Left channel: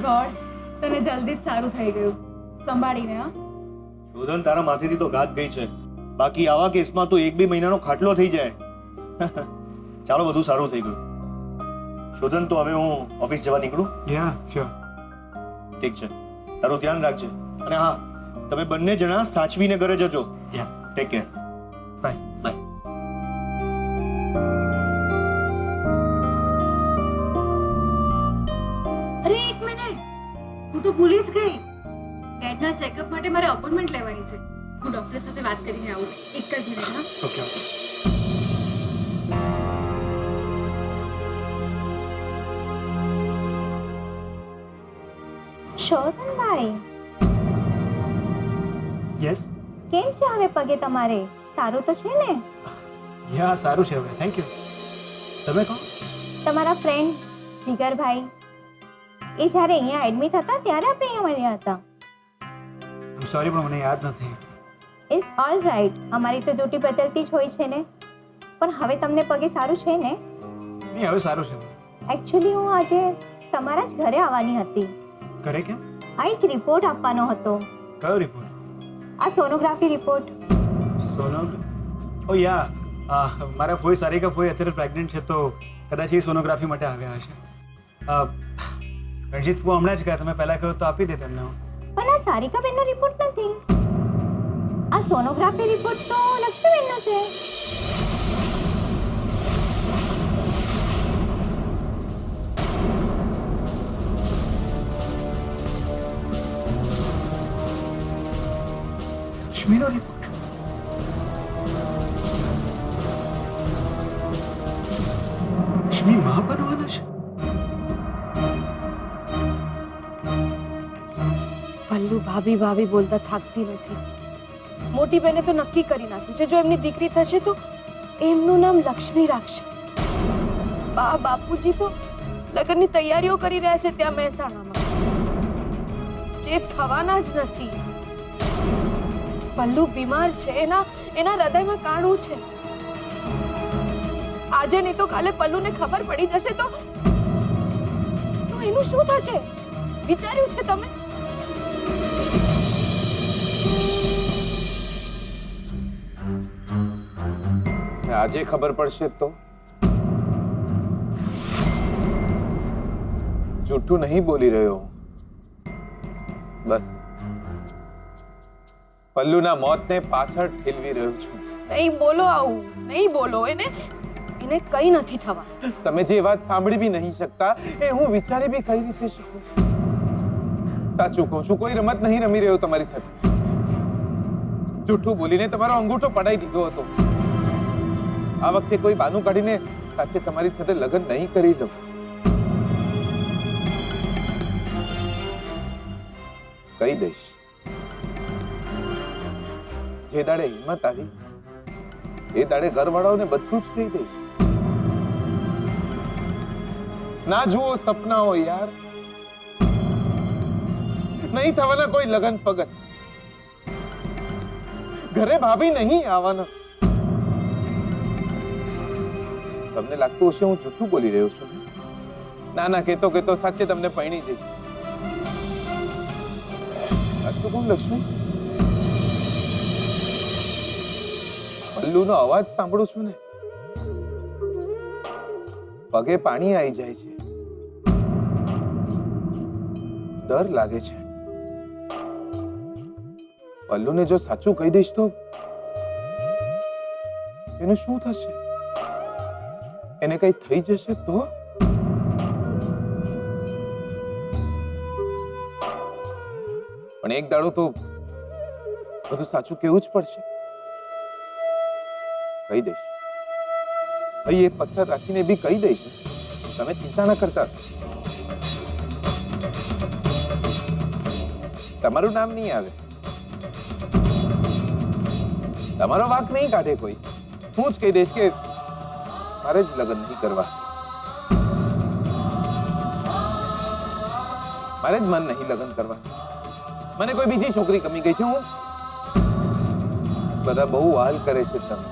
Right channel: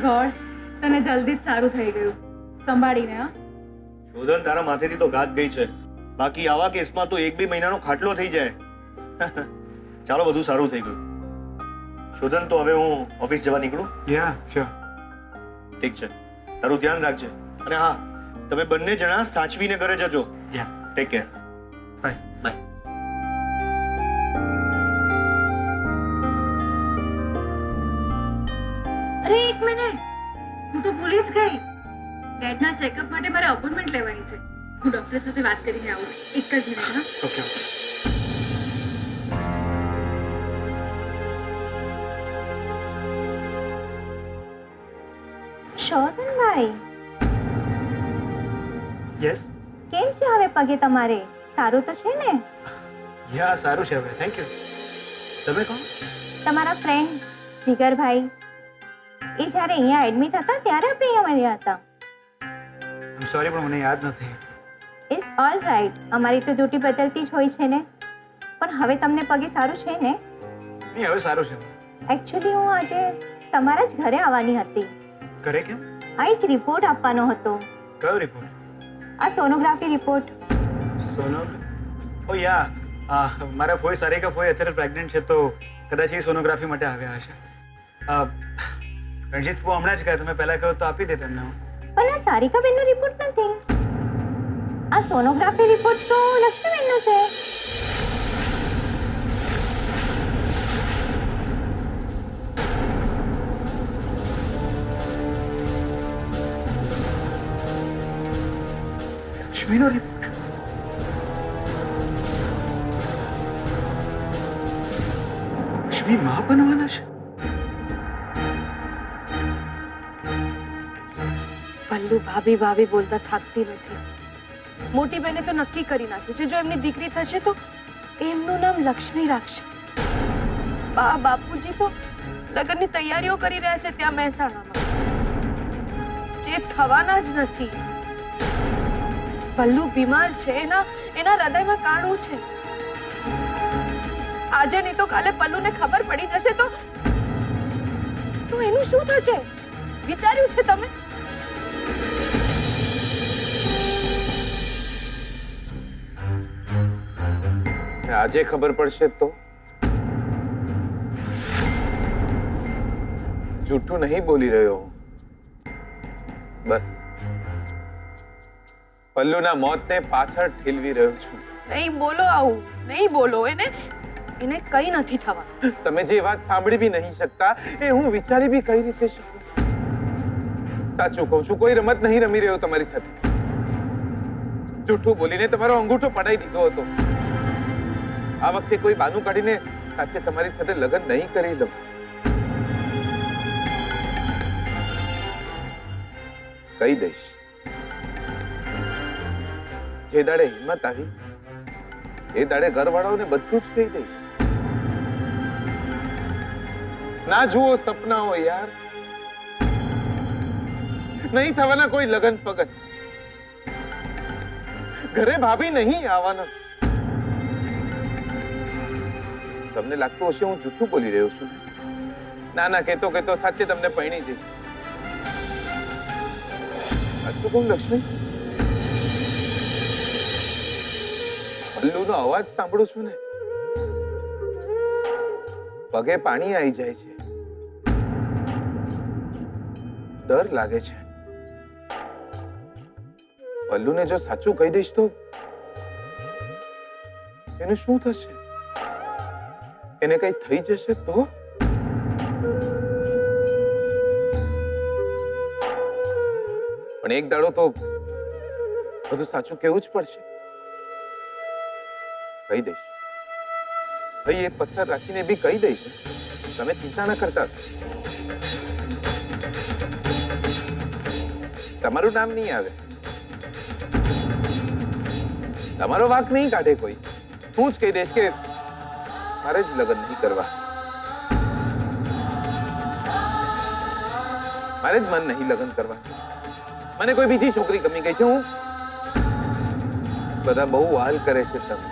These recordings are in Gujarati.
થેન્ક ગોડ, તને જલ્દી જ સારું થઈ ગયું. સંભાળીને હા. શોધન, તારા માથેથી તો ગાત ગઈ છે. બાકી આવા કેસમાં તો 1-2 મહિનાનો ખાટલો થઈ જાય. ચાલો, બધું સારું થઈ ગયું. શોધન, તો હવે હું ઓફિસ જવા નીકળું? યા શ્યોર. ઠીક છે, તારું ધ્યાન રાખજે. અને હા, તમે બંને જણા સાચવીને ઘરે જજો. યા, ટેક કેર. બાય. બાય. અરે એક મિનિટ, હું તો ભૂલી જ ગઈ. ડેડના ચેકઅપ માટે મારે અપોઇન્ટમેન્ટ લેવાની છે. હું ડોક્ટર સાથે વાત કરીને આવું. એક જ મિનિટ હા. ઓકે. શોધનભાઈ, યસ. કેમ છે હવે પગે તમારે? સારું તો છે ને? યા, સારું છે હવે, થેન્ક યુ. તમે કોણ? તમારા ફ્રેન્ડ જીગરભાઈ. એ જ્યારે અહીંયા એડમિટ હતા ત્યારે આપણે અહીંયા મળ્યા હતા. આમ સોરી, પણ મને યાદ નથી. It's all right. અમારી તો ડ્યુટી બદલતી જ હોય છે ને. પણ હવે તમને પગે સારું છે ને? નહીં, હવે સારું છે. એકચ્યુઅલી હું આજે તમારા જ ઘરે આવવાની હતી. ઘરે કેમ? આ એક રિપોર્ટ આપવાનો હતો. કયો રિપોર્ટ? આ સોનોગ્રાફી રિપોર્ટ. ઓ યા, મારા ફોઈ સારિકા ફોઈ અત્યારે પ્રેગ્નન્ટ છે, તો કદાચ એ સોનોગ્રાફી માટે આવ્યા હશે. રણજીત ફો હમણાં જ કહ્યા, તમે પહેલાં કહો તો આપી દે તેમને. પણ આ સારિકાબેનનો રિપોર્ટ નથી. આ સોનોગ્રાફી રિપોર્ટ તો લક્ષ્મીબેનનો છે. લક્ષ્મીનો રિપોર્ટ? લક્ષ્મી માં બનવાના છે? પલ્લુ ભાભી ભાભી બોલતા થાકતી નથી. મોટી બહેને તો નક્કી કરી નાખ્યું છે, જો એમની દીકરી થશે તો એમનું નામ લક્ષ્મી રાખશે. બા બાપુજી તો લગ્નની તૈયારીઓ કરી રહ્યા છે ત્યાં મહેસાણામાં, જે થવાના જ નથી. પલ્લુ બીમાર છે, એના હૃદયમાં કાણું છે. આજે નહીં તો કાલે પલ્લુને ખબર પડી જશે તો એનું શું થશે? વિચાર્યું છે તમે? આજે ખબર પડશે તો? જૂઠું નહીં બોલી રહ્યો હું. બસ પલ્લુના મોતને પાછળ ઠેલવી રહ્યો છું. નહીં બોલો આવું, નહીં બોલો. એને કઈ નથી થવા. તમે જે વાત સાંભળી બી નહીં શકતા એ હું વિચારી બી કઈ રીતે શકું? સાચું કહું છું, કોઈ રમત નહીં રમી રહ્યો તમારી સાથે. જૂઠું બોલીને તમારો અંગૂઠો પડાઈ દીધો હતો. આ વખતે કોઈ બાનું કાઢીને સાચે તમારી સાથે લગ્ન નહીં કરી લઉં. કહી દઈશ. જે દાડે હિંમત આવી એ દાડે ઘરવાળાઓને બધું જ કહી દઈશ. ના જુઓ સપનાઓ યાર, નહીં થવાના કોઈ લગન પગન. ઘરે ભાભી નહીં આવવાના. તમને લાગતું હશે હું જૂઠું બોલી રહ્યો છું. ના ના, કેતો કેતો સાચે તમને પરણી જઈશ. સાચું કહું લક્ષ્મી, પલ્લુનો અવાજ સાંભળું છું ને, પગે પાણી આવી જાય છે. ડર લાગે છે. પલ્લુને જો સાચું કહી દઈશ તો એનું શું થશે? એને કઈ થઈ જશે તો? પણ એક દાડો તો બધું સાચું કેવું જ પડશે. કહી દઈશ. ભાઈ, એ પથ્થર રાખીને બી કહી દઈશ. તમે ચિંતા ના કરતા. તમારું નામ નહીં આવે, તમારો વાંક નહીં કાઢે કોઈ. હું જ કહી દઈશ કે મારે જ લગ્ન નહીં કરવા, મારે જ મન નહીં લગ્ન કરવા. મને કોઈ બીજી છોકરી ગમી ગઈ છે. હું બધા બહુ વાલ કરે છે તમે,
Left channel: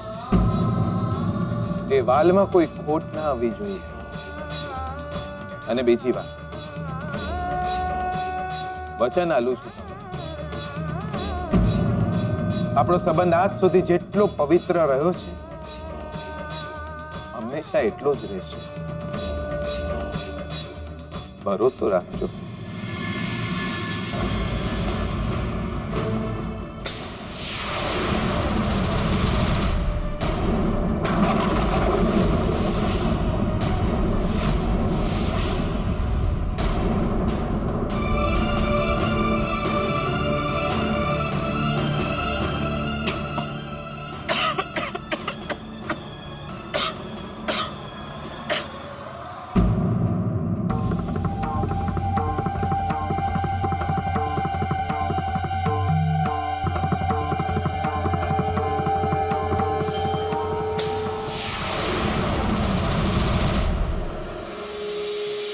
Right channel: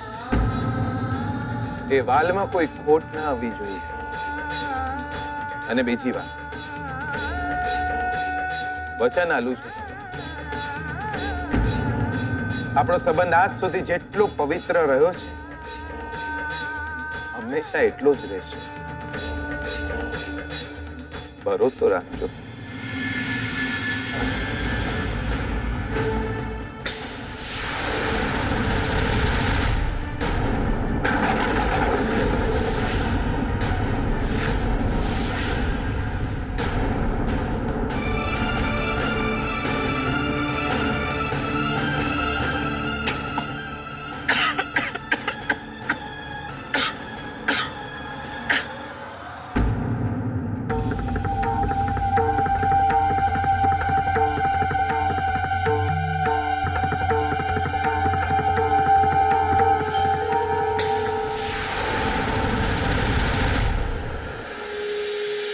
એ વાલમાં કોઈ ખોટ ના આવવી જોઈએ. અને બીજી વાત, વચન આલું છું આપણો સંબંધ આજ સુધી જેટલો પવિત્ર રહ્યો છે હંમેશા એટલો જ રહેશે ભરોસો રાખજો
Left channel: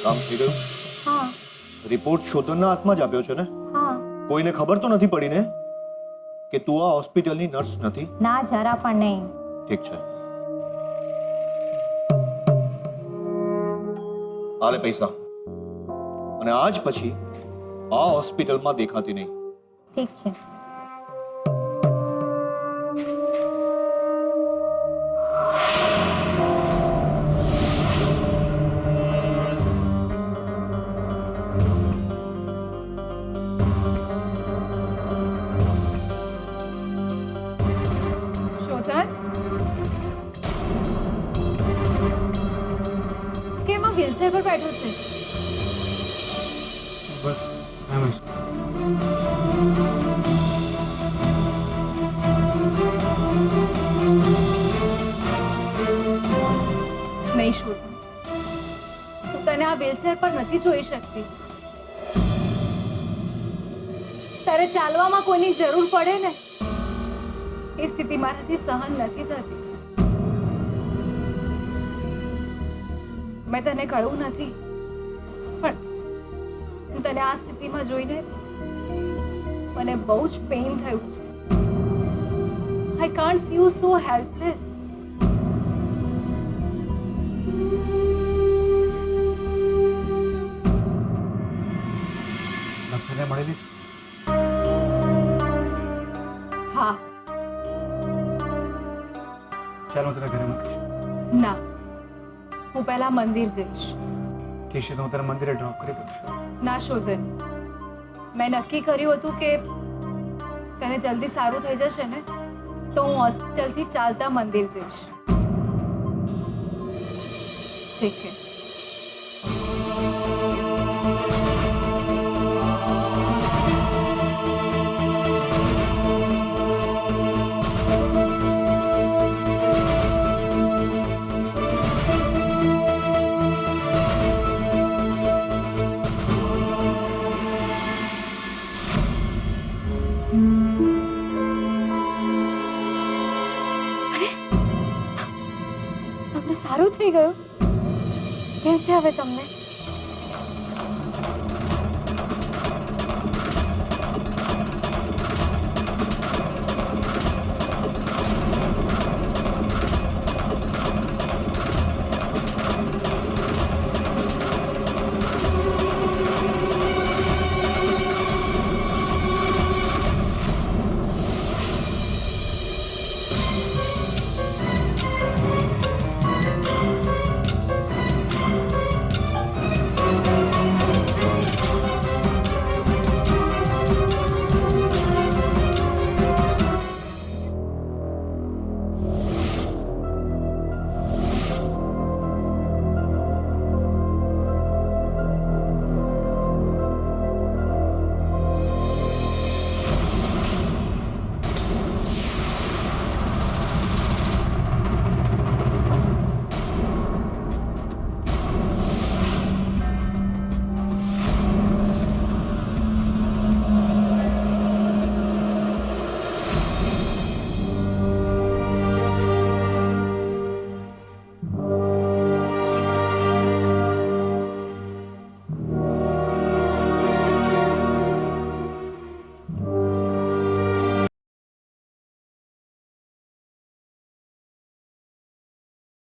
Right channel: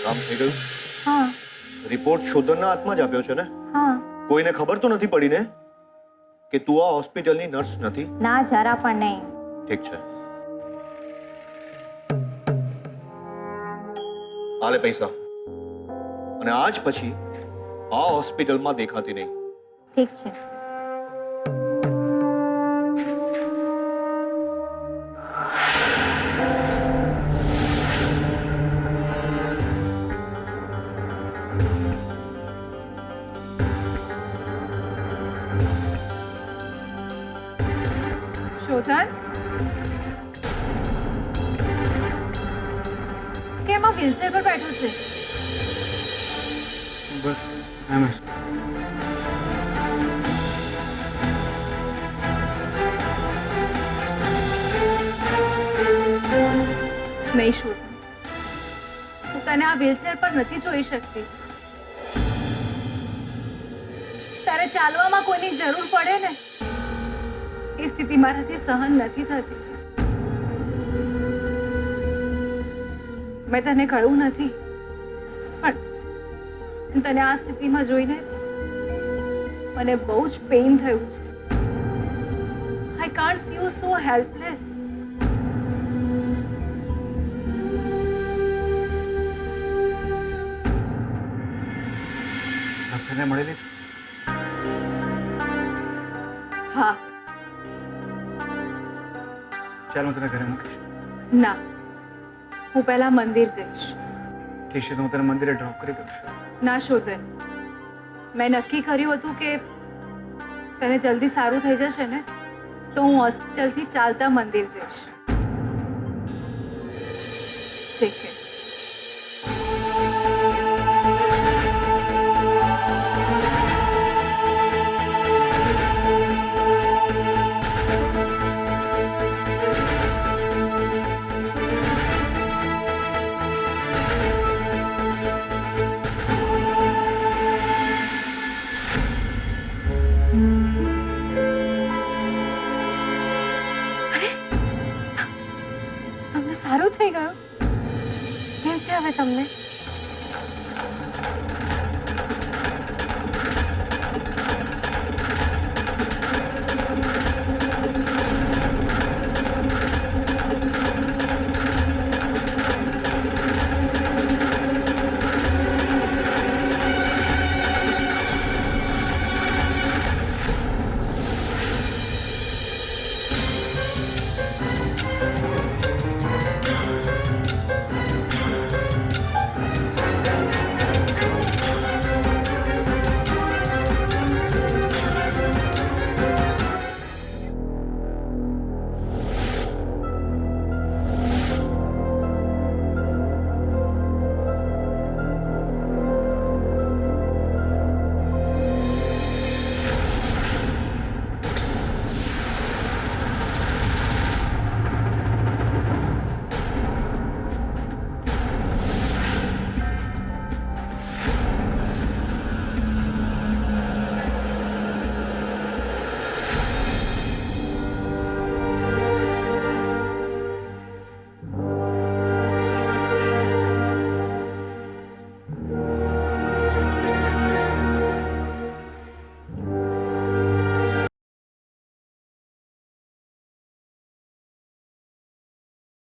કામ થઈ ગયું? હા રિપોર્ટ શોધનના હાથમાં જ આપ્યો છે ને? હા કોઈને ખબર તો નથી પડી ને કે તું આ હોસ્પિટલની નર્સ નથી? ના જરા પણ નહીં. ઠીક છે, હાલે પૈસા, અને આજ પછી આ હોસ્પિટલમાં દેખાતી નહીં. ઠીક છે. શોધન, કેમ આ વ્હીલચેર પર બેઠો છે? બસ એમ જ. નહીં શોધન, હું તને આ વ્હીલચેર પર નથી જોઈ શકતી. તારે ચાલવામાં કોઈની જરૂર પડે ને, એ સ્થિતિ મારાથી સહન નથી થતી. મેં તને કહ્યું નથી, પણ તને આ સ્થિતિમાં જોઈને મને બહુ જ પેઇન થયું છે. I can't C you so helpless. ડૉક્ટરને મળેલી? હા. ચાલ હું તને ઘરે મૂકીશ. ના, હું પહેલા મંદિર જઈશ. ઠીક છે, તો હું તને મંદિરે ડ્રોપ કરી દઉં છું. ના શોધન, મેં નક્કી કર્યું હતું કે તને જલ્દી સારું થઈ જશે ને તો હું હોસ્પિટલથી ચાલતા મંદિર જઈશ. ઠીક છે. તમને સારું થઈ ગયું? કેમ છે હવે તમને?